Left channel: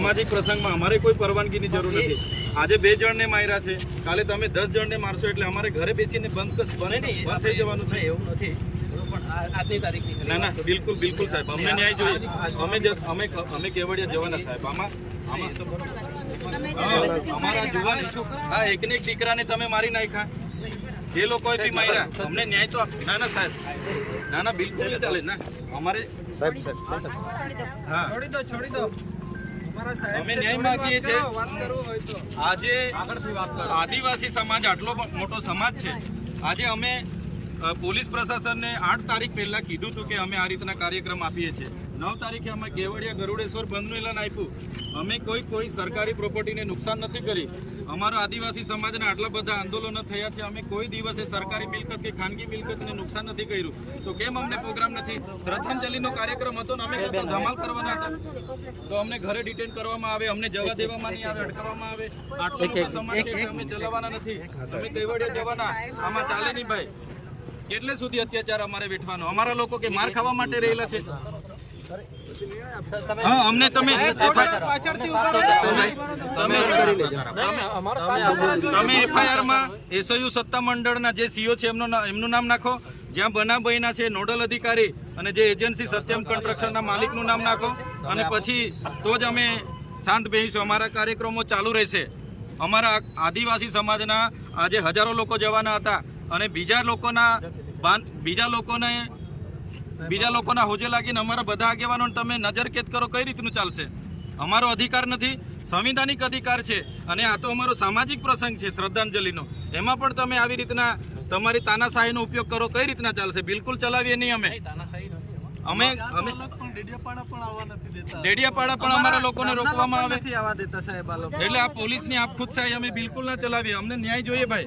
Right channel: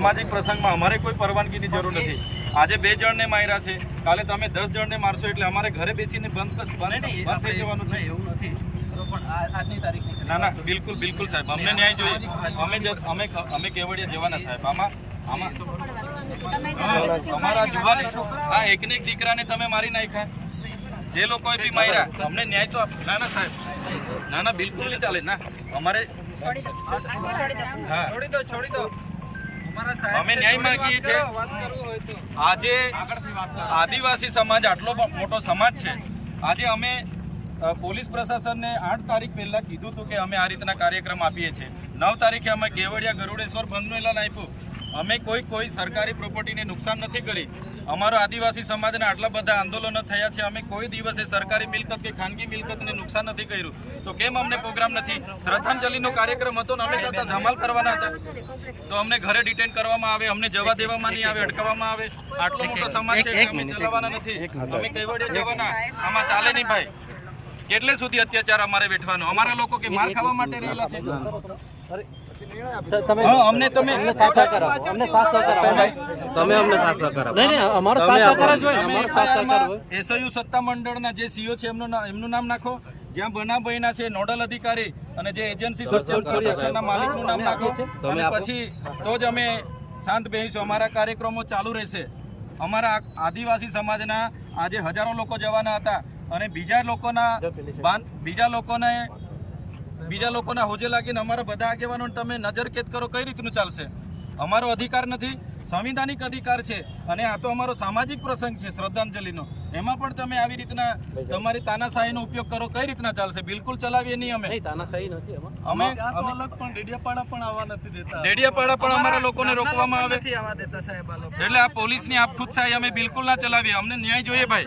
સામાજિક પ્રસંગમાં અમારે કોઈ પરવાનગીની જરૂર નથી. આજે બે જણને માર્યા છે. કાલે તમે દસ જણને મારશો એટલે અમારે ઘરે બેસીને બંધ બંધ થઈ જવાનું છે. એવું નથી. બરોબર પણ આ- આજની તારીખની ખાલી ના ના બિલકુલ બિલકુલ સાહેબ અમને ન્યાય જોઈએ. અમે અમે અમે કેવડિયા જવાના સાહેબ. આમાં આમાં હા, અમારા છોકરા આ એકને એક દીકરાને તમે મારી નાખ્યા. જે લોકોએ બી માર્યા અમને ન્યાય તો આપ- ના ના સાહેબ. ના ના બિલકુલ ચાલે. ના અમારે હા છોડી દો. છોડી દો અમારા સાહેબ અમે ન્યાય માંગીએ છીએ. આજે આદિવાસી સમાજ આટલો મોટો સમાજ છે. આજે અમે પોલીસ પ્રશાસનને આઠ તારીખ પહેલાં કીધું હતું કે અમે આ રીતના કાર્યક્રમ આપીએ છીએ. નવ તારીખે અમે કેવડિયા ગરુડેશ્વર બંધનું એલાન આપ્યું. અમે કોઈ કોઈ સરકારી પ્રોપર્ટીને નુકસાન નથી કરી. અમારો આદિવાસી સમાજના આટલા બધા આંદોલનો થયા છે. અમે કોઈ દિવસે સરકારી મિલકત કે ખાનગી મિલકતને નુકસાન નથી કર્યું. તો કેમ અમને પ્રોગ્રામ નથી? શ્રદ્ધાંજલિનો કાર્યક્રમ હતો ને અમે કરતા ધમાલ કરવાના હતા. તો અમને ઘરે ડિટેન કરવામાં આવે અમને જવા દેવામાં નહીં આવે અટકાવવામાં આવે. આટલો મોટો સમાજ છે કે અમે ચલાવવાના નથી. અમે કેવડિયા જવાના. આમાં ચાલે નહીં ભાઈ. કેટલે સુધી અત્યાચાર અમારે વેઠવાનો? અમારા લોકો કે માર ખાવા માટે રહેલા છે? હા અમને તમે અમને સાથ તમે નહીં નહીં અમારો સાથ સહકાર જ હોય. તમે એફઆઈઆરમાં એસયુ સત્તા મંડળના જે સીઓ છે એમનું નામ નાખો. જ્યાં બનાવ બન્યા છે નોડલ અધિકારી અને જે એજન્સી સત્યમ કન્સ્ટ્રક્શનના માલિકનું નામ નાખો અને પછી તો જ અમે શાંત બેહીશું. અમારા કાર્યક્રમો ચાલુ રહેશે. અમારા આદિવાસી સમાજના આજે હજારો લોકો જવાના હતા અને બીજા લોકોના બીજા લોકોને બીજા લોકોના હોજે લાગીને અમારા બધા આગેવાનો તમે નજરકેદ કરો કઈ રીતનું ચાલશે? અમારો અધિકાર નથી સંવિધાનિક અધિકાર છે અને આ તો અમારો સામાજિક પ્રસંગ છે શ્રદ્ધાંજલિનો. એમાં પણ તમે આવી રીતના તમારી તાનાશાહીનો ઉપયોગ કરો કઈ રીતના ચાલશે? બિલકુલ ચલાવીએ નહીં અમે. અમે અમે ડેડિયાપાડા પણ અમારા લોકોને રોકવામાં આવે. સાહેબ એટલે આ પોલીસની આપખુદશાહી અમે બિલકુલ ના ચલાવીએ. અમને ન્યાય જોઈએ ભાઈ.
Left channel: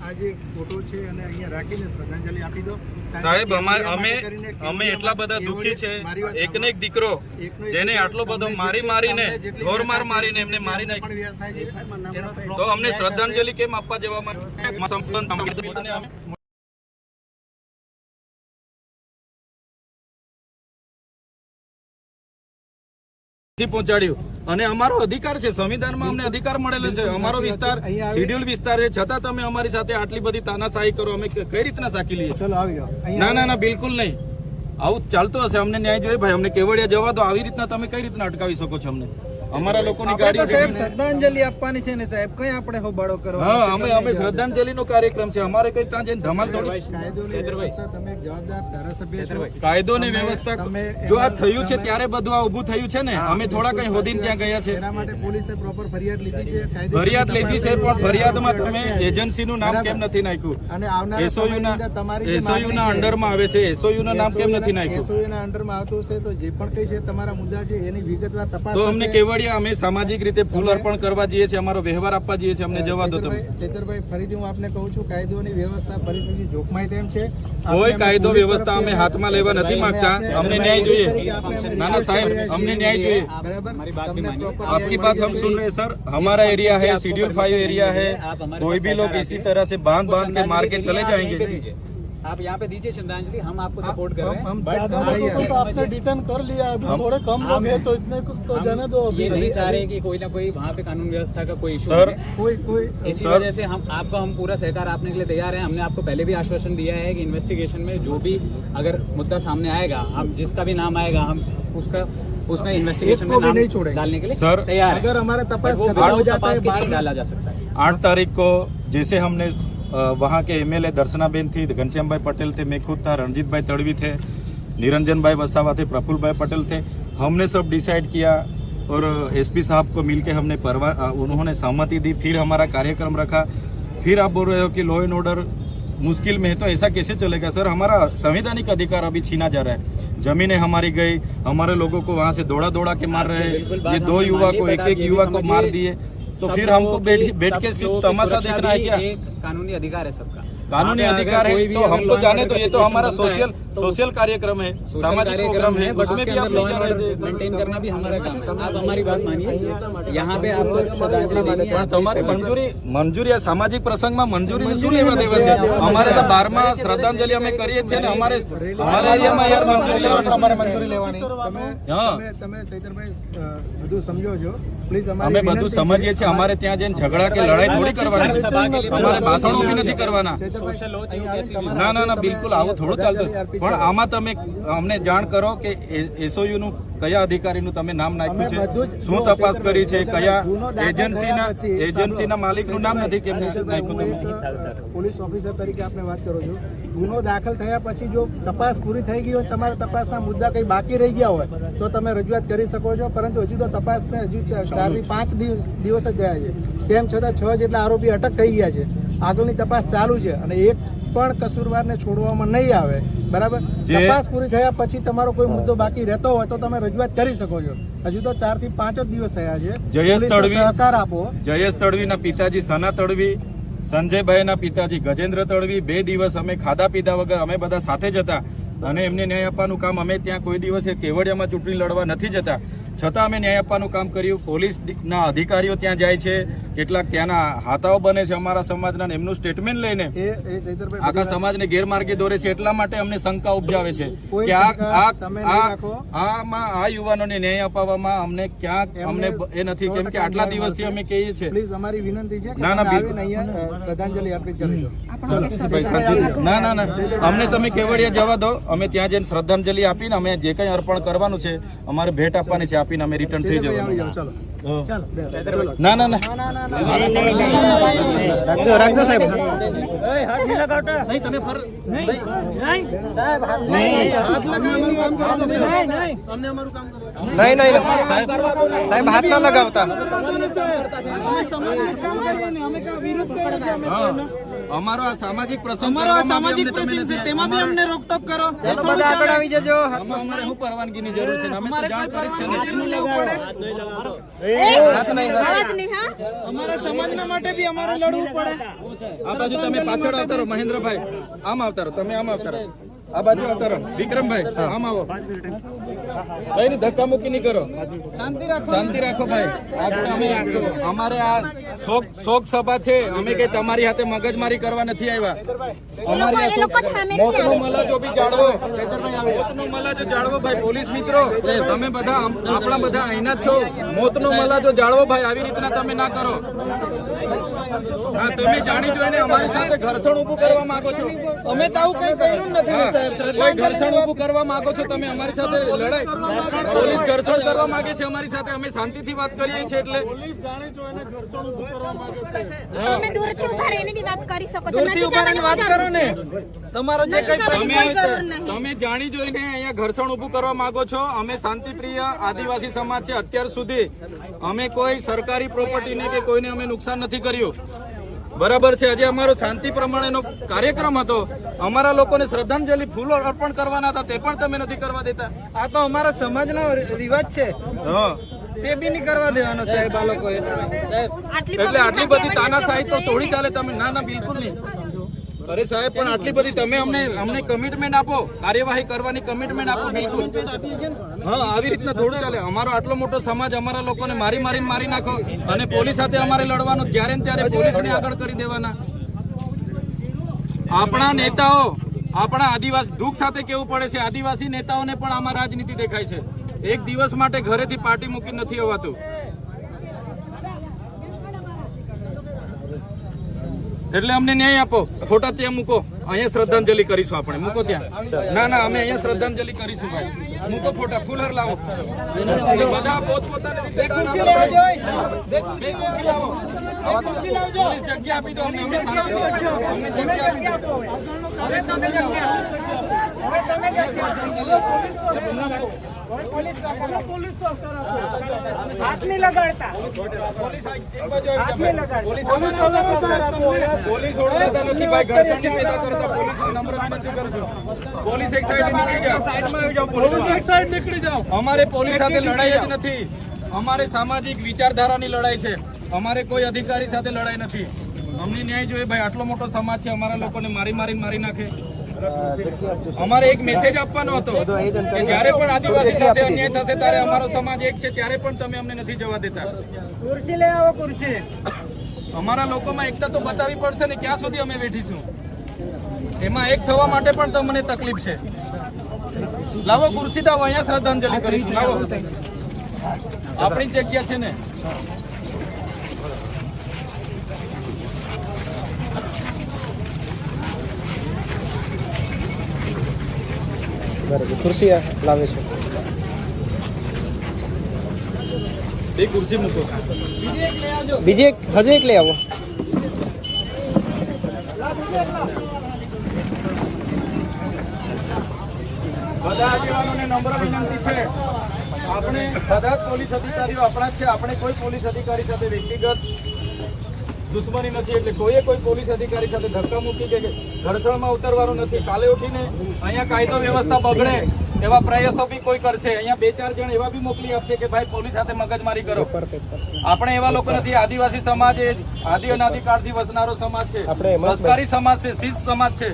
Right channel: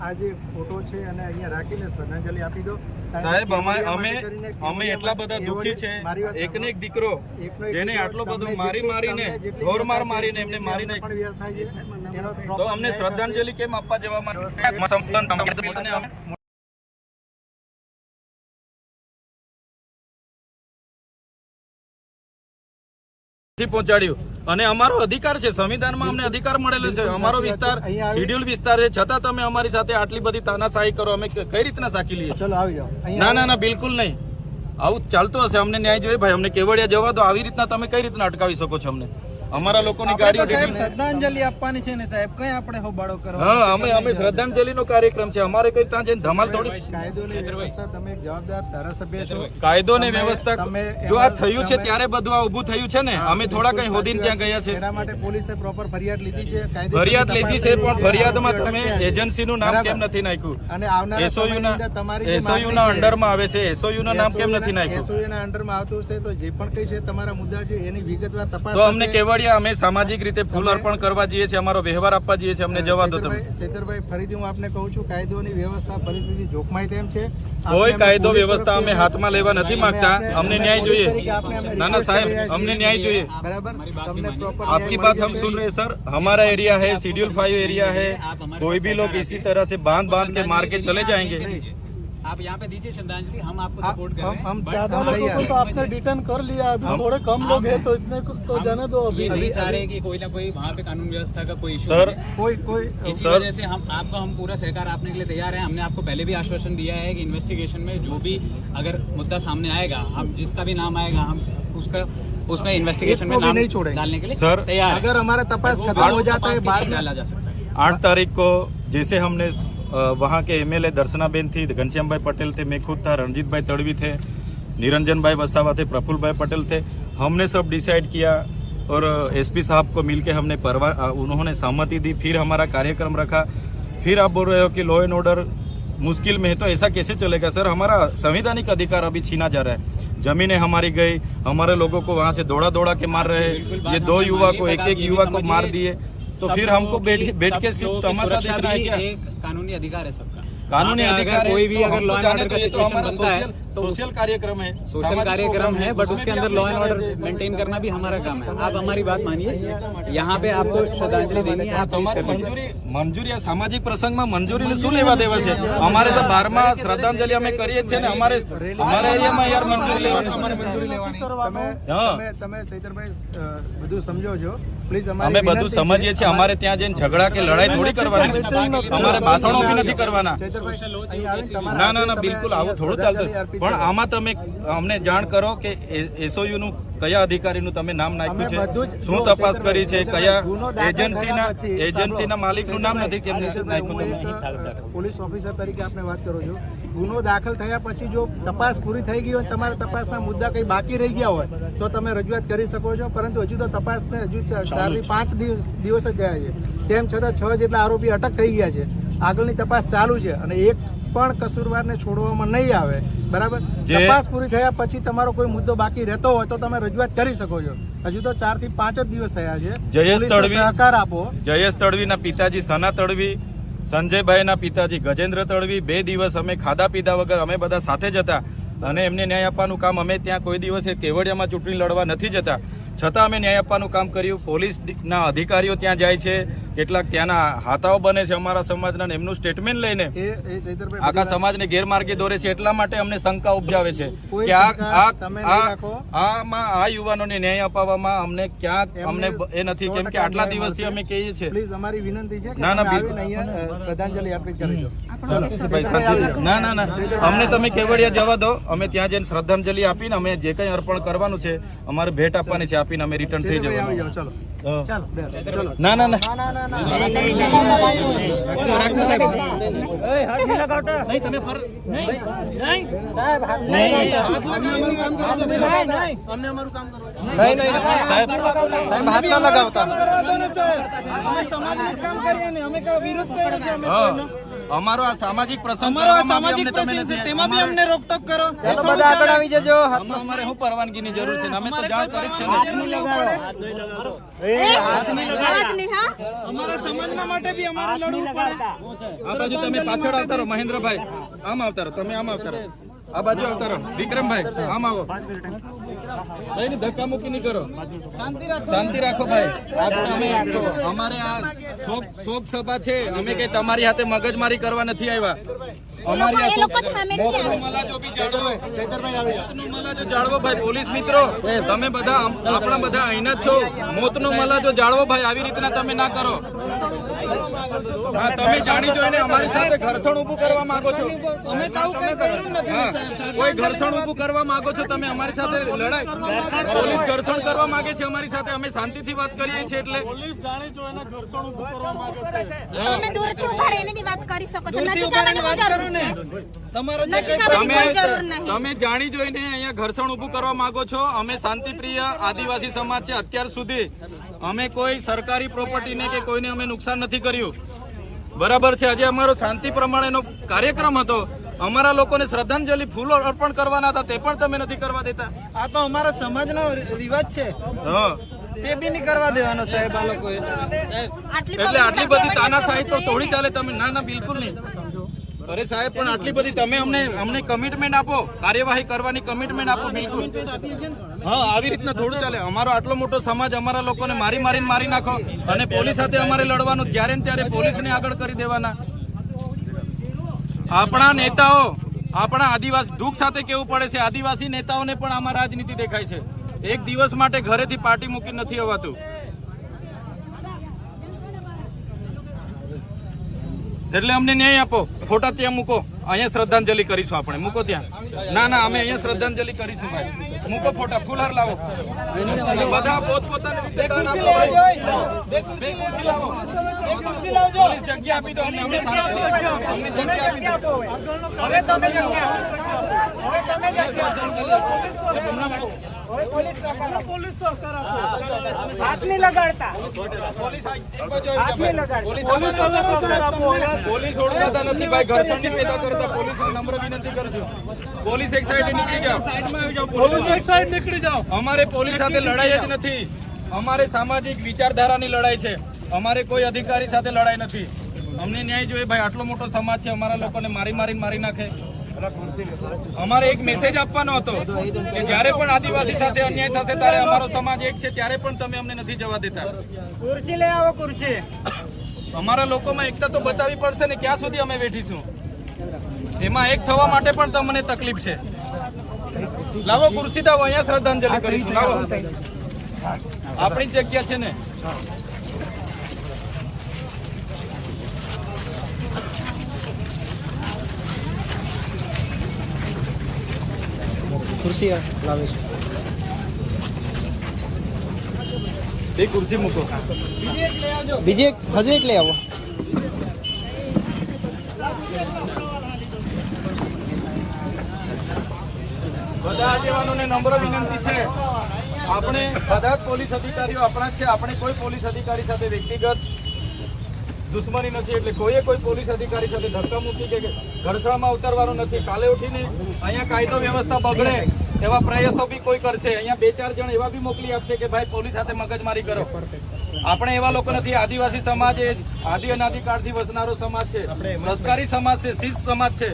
આ જે ફોટો છે અને અહીંયા રાખીને શ્રદ્ધાંજલિ આપી દો. સાહેબ અમે અમે એટલા બધા દુઃખી છે. એકને એક દીકરો જેને આટલો બધો મારી મારીને તમને જેટલી ઢોર માર વ્યથા મારીને એમને મારી તેનો તો અમને શ્રદ્ધાંજલિ કેમ આપવા જવા થી પહોંચાડ્યું. અને અમારો અધિકાર છે સંવિધાનમાં અમને અધિકાર મળેલો છે. અમારો વિસ્તાર શેડ્યુલ વિસ્તાર છે. છતાં તમે અમારી સાથે આટલી બધી તાનાશાહી કરો અમે કઈ રીતના સાકી લઈએ? ના ના ના બિલકુલ નહીં. આવું ચાલતું હશે. અમને ન્યાય જોઈએ. ભાઈ અમને કેવડિયા જવા દો. આવી રીતના તમે કઈ રીતના અટકાવી શકો છો અમને? અમારા લોકોની સાહેબ ગાડી શ્રદ્ધાંજલિ આપવાની છે ને સાહેબ. કઈ આપણે હોબાળો કરો? હા અમે અમે શ્રદ્ધાંજલિ નો કાર્યક્રમ છે. અમારે કઈ ત્યાં જઈને ધમાલ થોડી કાયદોની વ્યવસ્થા તમે જવાબદાર ધારાસભ્ય છો. કાયદો ને વ્યવસ્થા જો આ થયું છે ત્યારે બધું આ ઉભું થયું છે ને? અમે થોડા કઈ હોદીને ત્યાં ગયા છે. એના માટે પોલીસે પ્રોપર ફરિયાદ લીધી છે ફરિયાદ લીધી છે પણ ફરિયાદમાં તમે એજન્સી નું એજન્સીનું નામ કેમ નથી નાખ્યું? અને આવનારા એસઓયુ ના તમારી એસઓયુ ના અંડરમાં આવે છે એસઓયુ નું નામ કેમ નથી નાખ્યું? એસઓયુ ના અંડરમાં આવતું છે તો જે પણ કઈ છે તમારા મુદ્દા છે એની વિગતવાર તપાસ તો અમને થશે. અઠવાડિયા અમે સામાજિક રીતે ફૂલ અર્પણ કરવા જઈએ છીએ અમારો વ્યવહાર આપવા જઈએ છીએ અમને જવા દો તમે. ચેતરભાઈ ફરીથી હું આપને કહું છું કાયદોની વ્યવસ્થા પરિસ્થિતિ જોખમાય તેમ છે. કોઈ કાયદો વ્યવસ્થા અમે હાથમાં લેવા નથી માંગતા. અમને ન્યાય જોઈએ. ના ના સાહેબ અમને ન્યાય જોઈએ. આપકી વાત હમ સુન રહે સર. हमारा એરિયા है शेड्यूल फाइव એરિયા है કોઈ भी लोग इसी तरह से બાંધ बांध के मार के चले जाएंगे आप यहाँ पे दीजिए श्रद्धांजलि हम आपको हाँ, सपोर्ट कर रहे हैं। हम ज़्यादा लोगों को तो आपने कर लिया अभी थोड़े कम लोग हैं तो इतने को तो जाने दो अभी। नहीं चाह रहे की कोई ना कोई वहाँ पे कानून व्यवस्था का कोई इशू सर कोई कोई इसी वजह से हम आपका हम पूरा सहकार आपने के लिए तैयार है। हमने आपको पहले भी आश्वासन दिया है की इन्वेस्टिगेशन में जो भी अगर मुद्दा सामने आएगा हम जिसका भी नाम आएगा हम उसका उसमें इन्वेस्टिगेशन में नहीं छोड़े डालने के लिए सर तैयार अगर हमारा तपास हो जाता है डाला जा सकता है। आठ तारीख को जैसे हमने वहाँ के एमएलए दर्शनाबेन थी घनश्याम भाई पटेल थे मैं खुद था रणजीत भाई तड़वी थे निरंजन भाई वसावा थे प्रफुल्ल भाई पटेल थे। हमने सब डिसाइड किया और एसपी साहब को मिलके हमने परवा उन्होंने सहमति दी फिर हमारा कार्यक्रम रखा। फिर आप बोल रहे हो कि लॉ एंड ऑर्डर मुश्किल में है तो ऐसा कैसे चलेगा? सर हमारा संवैधानिक अधिकार अभी छीना जा रहा है। जमीनें हमारी गई हमारे लोगों को वहाँ से दौड़ा दौड़ा के मार रहे हैं। ये दो युवा को एक एक युवा को मार दिए। तो सब फिर लोगों हमको बैठ की- बैठ सब के लोगों सिर्फ की तमाशा सुरक्षा देखना है भी क्या एक कानूनी अधिकार है सबका कानूनी वहाँ पे अधिकार अगर है कोई भी तो अगर हमको लॉ एंड जाने ऑर्डर दो, का ये तो situation हमारा बनता है सोशल तो सोशल कार्यक्रम है सोशल सामाजिक कार्यक्रम है बट उसमें उसके भी अंदर आप लॉ एंड लोग ऑर्डर मेंटेन करना भी हमारा काम है आप हमारी बात मानिए यहाँ पे आपको श्रद्धांजलि देनी है आप તમારે please permit મંજૂરી મંજૂરી આ સામાજિક પ્રસંગમાં મંજૂરી શું લેવા દેવા છે અમારે તો બારમાં શ્રદ્ધાંજલિ અમે કરીએ જ છે ને અમારે અમારા એરિયામાં યાર મંજૂરી લેવાની તમારે મંજૂરી લેવાની તમે હા. તમે તમે ચૈતરભાઈ અ, બધું સમજો છો પ્લીઝ અમે બધું સમજીએ છીએ અમારે ત્યાં જઈને ઝઘડા કે લડાઈ થોડી કરવાની અમારે ભાષણો બી નથી કરવાના ના ના ના બિલકુલ આવું થોડું ચાલતું પણ આમાં તમે અમને જાણ કરો કે એસઓયુ નું કયા અધિકારીનું તમે નામ નાખ્યું છે? શું તપાસ કરી છે? કયા એજન્સીના એજન્સીના માલિકનું નામ નથી કેમ નાખ્યું પોલીસ ઓફિસર તરીકે આપણે વાત કરો છો. ગુનો દાખલ થયા પછી જો તપાસ પૂરી થઈ ગઈ હોય તમારા તપાસના મુદ્દા કઈ બાકી રહી ગયા હોય તો તમે રજૂઆત કરી શકો છો. પરંતુ હજુ તો તપાસને હજુ ચારથી પાંચ દિવસ દિવસ જ થયા છે. તેમ છતાં છ જેટલા આરોપી અટક થઈ ગયા છે. આગળની તપાસ ચાલુ છે અને એક પણ કસૂરવારને છોડવામાં નહીં આવે. બરાબર? તપાસ પૂરી થયા પછી તમારો કોઈ મુદ્દો બાકી રહેતો હોય તો તમે રજૂઆત કરી શકો છો. હજુ તો ચારથી પાંચ જ દિવસ થયા છે. જયેશ તડવી- સહકાર આપો. જયેશ તડવીના પિતાજી સના તડવી સંજયભાઈના પિતાજી ગજેન્દ્ર તડવી બે દિવસ અમે ખાધા પીધા વગર અમે બધા સાથે જ હતા. અને એમને ન્યાય આપવાનું કામ અમે ત્યાં કોઈ દિવસે કેવડિયામાં ચૂંટણી લડવા નથી જતા. છતાં અમે ન્યાય આપવાનું કામ કર્યું. પોલીસના અધિકારીઓ ત્યાં જાય છે. કેટલાક ત્યાંના હાથાઓ બને છે અમારા સમાજના એમનું સ્ટેટમેન્ટ લઈને એ એ ચૈતરભાઈ આખા સમાજને ગેરમાર્ગે દોરે છે એટલા માટે અમને શંકા ઉપજાવે છે કે. આમાં આ યુવાનોને ન્યાય અપાવવામાં અમને ક્યાંક અમને એ નથી કેમ કે આટલા દિવસથી અમે કહીએ છીએ. અમારી વિનંતી છે ના, ના, શ્રદ્ધાંજલિ અર્પિત કરી દો. ભાઈ, ના ના ના. અમને તમે કેવડિયા જવા દો. અમે ત્યાં જઈને શ્રદ્ધાંજલિ આપીને અમે જે કંઈ અર્પણ કરવાનું છે અમારે ભેટ આપવાની છે આપીને અમે રિટર્ન થઈ જવાનું. ચાલો. ના ના ના. રાખજો રાખજો સાહેબ નહીં તમે ફર નહીં નહીં હાથ લગાવવાનું કામ કરો તમે અમને અમારું કામ કરો નહીં નહીં સાહેબ હાથ ના લગાવતા અમે સમાજનું કામ કરીએ ને અમે વિરોધ કર્યો. અમારો આ સામાજિક પ્રસંગ અમારો આ સામાજિક પ્રસંગ છે તેમાં બી અમને રોકટોક કરો. બધા આગળ આવી જજો. અમારે શું પરવાનગીની જરૂર છે? અમે તો જાણ કરી છે ને. લેવું પડે. અમારા સમાજના માટે બી અમારે લડવું પડે. આ બાજુ તમે પાછળ આવતા રહો મહેન્દ્રભાઈ. આમ આવતા રહો તમે આમ આવતા રહો. આ બાજુ આવતા રહો વિક્રમભાઈ આમ આવો. ભાઈ ધક્કા મુક્કી નહીં કરો. શાંતિ રાખો. ભાઈ. અમારે આ શોક શોક સભા છે. અમે કઈ તમારી હાથે મગજમારી કરવા નથી આવ્યા. પોલીસ મિત્રો. તમે બધા આપણા બધા અહીંના જ છો. મોતનો મલાજો જાળવો ભાઈ આવી રીતના તમે ના કરો. હા તમે જાણી જોઈને અમારી સાથે ઘર્ષણ ઊભું કરવા માંગો છો. અમે તો આવું કઈ કર્યું નથી સાહેબ. કોઈ ઘર્ષણ ઊભું કરવા માંગો છો તમે અમારી સાથે લડાઈ. પોલીસ ઘર્ષણ કરવા માંગે છે અમારી સાથે અમે શાંતિથી વાત કરીએ છીએ એટલે તો તમે દૂરથી ઊભા રહીને બી વાત કરી શકો છો. દૂરથી ઊભા રહીને વાત કરો ને. છે. તમારો જે કઈ તમે જાણી જોઈને અહીંયા ઘર્ષણ ઊભું કરવા માંગો છો. અમે શાંતિપ્રિય આદિવાસી સમાજ છે અત્યાર સુધી. અમે કોઈ સરકારી પ્રોપર્ટીને કે કોઈને અમે નુકસાન નથી કર્યું. બરાબર છે આજે અમારો શાંતિ પ્રમાણેનો કાર્યક્રમ હતો. અમારા લોકોને શ્રદ્ધાંજલિ ફૂલો અર્પણ કરવાના હતા તે પણ તમે નથી કરવા દેતા. આ તો અમારા સમાજનો રિવાજ છે. હા. તે બી નહીં કરવા દેવાનો સાહેબ આ લોકોએ. એટલે આટલી બધી તાનાશાહી તો થોડી ચાલે તમે ના ના બિલકુલ નહીં. અરે સાહેબ, પણ આટલી બધી તમે અમને અમને કમિટમેન્ટ આપો. કાર્યવાહી કરવાની કમિટમેન્ટ આપો, બિલકુલ. હા, આવી રીતના થોડું ચાલે. અમારો આટલો મોટો સમાજ અમારા લોકોને મારી મારીને મારી નાખો અને પોલીસ સાથે અમારે લડવાનું જ્યારે ને ત્યારે પોલીસને આગળ કરી દેવાના. આપણા નેતાઓ, આપણા આદિવાસી દુઃખ સાથે કેવું પડે છે, આદિવાસી નેતાઓને પણ આમાં રાજનીતિ દેખાય છે. એક દિવસ માટે ઘરેથી પાર્ટી મૂકી નથી અવાતું એટલે અમને ન્યાય આપો. ફોટા ત્યાં મૂકો. અહીંયા શ્રદ્ધાંજલિ કરીશું આપણે. મૂકો ત્યાં. ના ના અમે અહીંયા શ્રદ્ધાંજલિ કરીશું ભાઈ. મૂકો ફોટા ફૂલહાર લાવો. બધા પોતપોતાની જગ્યા આપી દો. અમને જગ્યા આપી દો. પોલીસ આ- એક બાજુ આવી જાઓ ભાઈ. પોલીસ પોલીસ ઓળખાતા નથી ભાઈ. ઘર્ષણની પેદા કરતા પોલીસ નમ્ર વિનંતી કરું છું પોલીસ એક સાઈડ નીકળી જાઓ. સાઈડમાં આવી જાઓ પોલીસ એક સાઈડ નીકળી જાઓ. અમારે પોલીસ સાથે લડાઈ જ નથી. અમારે સામાજિક વિચારધારાની લડાઈ છે. અમારે કોઈ અધિકારી સાથે લડાઈ નથી. અમને ન્યાય જોઈએ. ભાઈ આટલો મોટો સમાજ છે. અમારા લોકોને મારી મારીને મારી નાખે. અમારે એક મેસેજ આપવાનો હતો કે જ્યારે પણ આદિવાસી સાથે અન્યાય થશે ત્યારે અમારો સમાજ એક છે ત્યારે પણ તમે અમને નથી જવા દેતા. ખુરશી લઈ આવો ખુરશી અમારા લોકોમાં એકતા તો બતાવવી પડશે ને ક્યાં સુધી અમે બેઠીશું? એમાં એક થવા માટે પણ તમને તકલીફ છે. લાવો ખુરશી દાવો અહીંયા શ્રદ્ધાંજલિ કરીશું. લાવો. આપણી જગ્યા છે ને. ખુરશી લાવે છે ખુરશી મૂકો બીજી એક હજુ એક લઈ આવો બધા આગેવાનોને નમ્ર વિનંતી છે. આપણે બધા પોલીસ અધિકારીઓ આપણા જ છે. આપણે કોઈ પોલીસ અધિકારી સાથે વ્યક્તિગત દુશ્મની નથી એટલે કોઈએ કોઈ પોલીસ અધિકારી સાથે ધક્કા મૂકી કે ઘર્ષણમાં ઉતરવાનું નથી. કાલે ઉઠીને અહીંયા કાયદો વ્યવસ્થા બગડે એવા પ્રયાસો બી કોઈ કરશે. અહીંયા બે ચાર જણ એવા બી મોકલી આપશે કે ભાઈ પોલીસ સાથે મગજમારી કરો. આપણે એવા લોકો નથી. આદિવાસી સમાજ એ આદિ અનાધિકારથી વસનારો સમાજ છે. સંસ્કારી સમાજ છે શીખ સમાજ છે.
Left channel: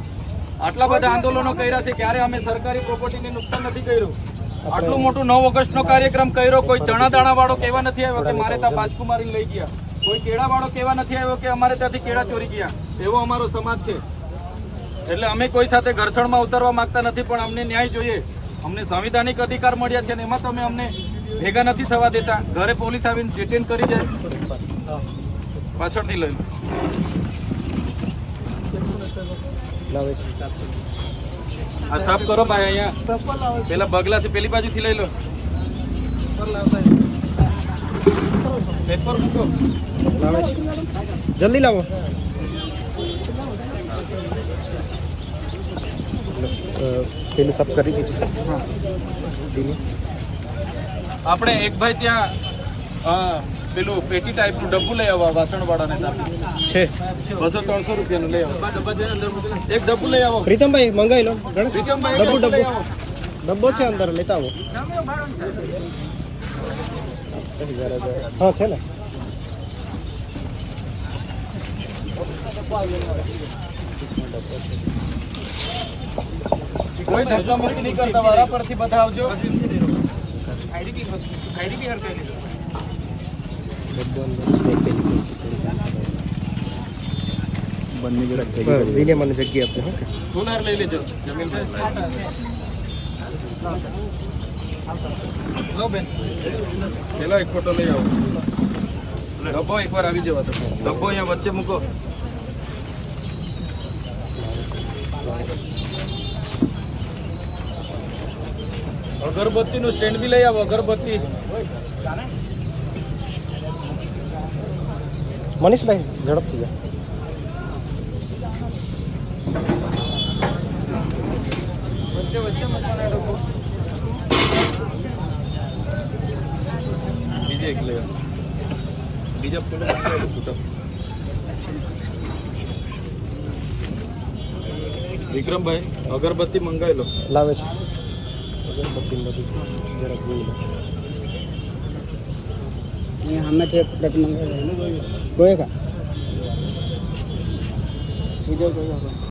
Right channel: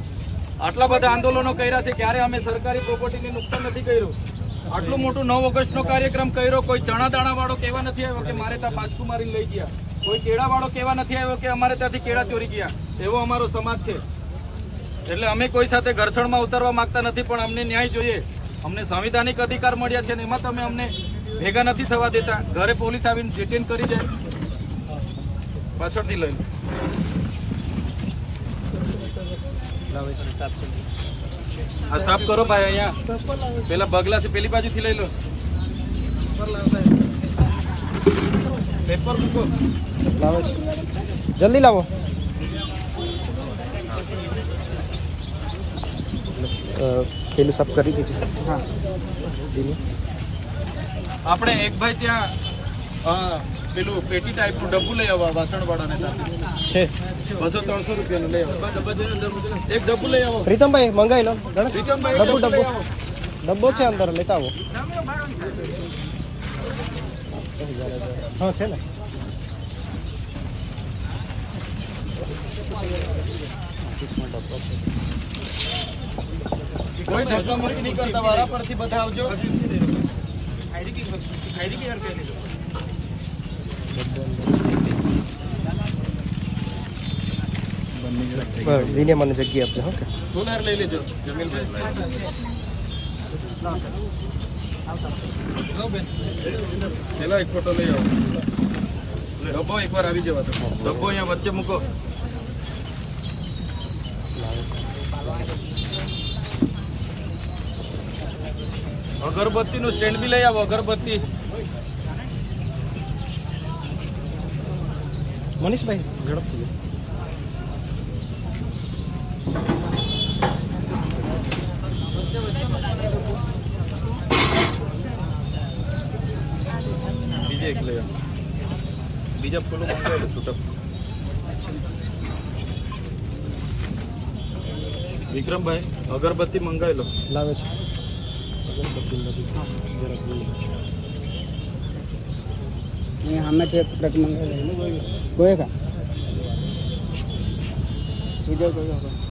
આટલા બધા આંદોલનો કર્યા છે ક્યારે અમે સરકારી પ્રોપર્ટીને નુકસાન નથી કર્યું? આટલું મોટું નવ ઓગસ્ટ નો કાર્યક્રમ કર્યો કોઈ ચણા દાણા વાળો કેવા નથી આવ્યો કે મારે ત્યાં બાજકુ લઈ ગયા? કોઈ કેળા વાળો કેવા નથી આવ્યો કે અમારે ત્યાંથી કેળા ચોરી ગયા? એવો અમારો સમાજ છે. એટલે અમે કોઈ સાથે ઘર્ષણમાં ઉતરવા માંગતા નથી, પણ અમને ન્યાય જોઈએ. અમને સંવિધાનિક અધિકાર મળ્યા છે ને એમાં તમે અમને ભેગા નથી થવા દેતા. ઘરે પોલીસ આવીને ડિટેન કરી જાય. પાછળથી લઈ લો. લાવે આ સાફ કરો ભાઈ, અહીંયા. પેલા બગલા છે પેલી બાજુથી લઈ લો. પેપર મૂકો. લાવે છે. જલ્દી લાવો. પેલું સાફ કરી દીધું હા. આપણે એક ભાઈ ત્યાં પેલું પેટી ટાઈપનું ડબ્બુ લઈ આવો વાસણ વાળાને છે. બસો ત્રણસો રૂપિયાનું લઈ આવો એક ડબ્બુ લઈ આવો. પ્રીતમભાઈ મંગાવી લો. પ્રીતમભાઈ ડબ્બુ ડબ્બુ ડબ્બો છે અંદર લેતા આવો. હા છે ને કોઈ ધક્કા મુક્કી નહીં કરતા વારા પરથી બધા આવજો આઈડી કી હર કઈ લીધો વિને મને જગ્યા આપજો હા સોનાર લઈ લેજો જમીનભાઈ લો બેન. એક ફોટો લઈ આવો. ડબ્બો એકવાર આવી જવા ડબ્બો અહીંયા વચ્ચે મૂકો. અગરબત્તી નું સ્ટેન્ડ બી લઈ આવો, અગરબત્તી. મનીષભાઈ, ઝડપથી જાઓ વચ્ચે વચ્ચે મૂકવાના ડબ્બો બીજે એક લઈ આવો બીજા ફૂલો મંગાવેલું છૂટક વિક્રમભાઈ અગરબત્તી મંગાવી લો લાવે છે અગરબત્તી ને બધું જરાક જોઈ લો હમણાં છે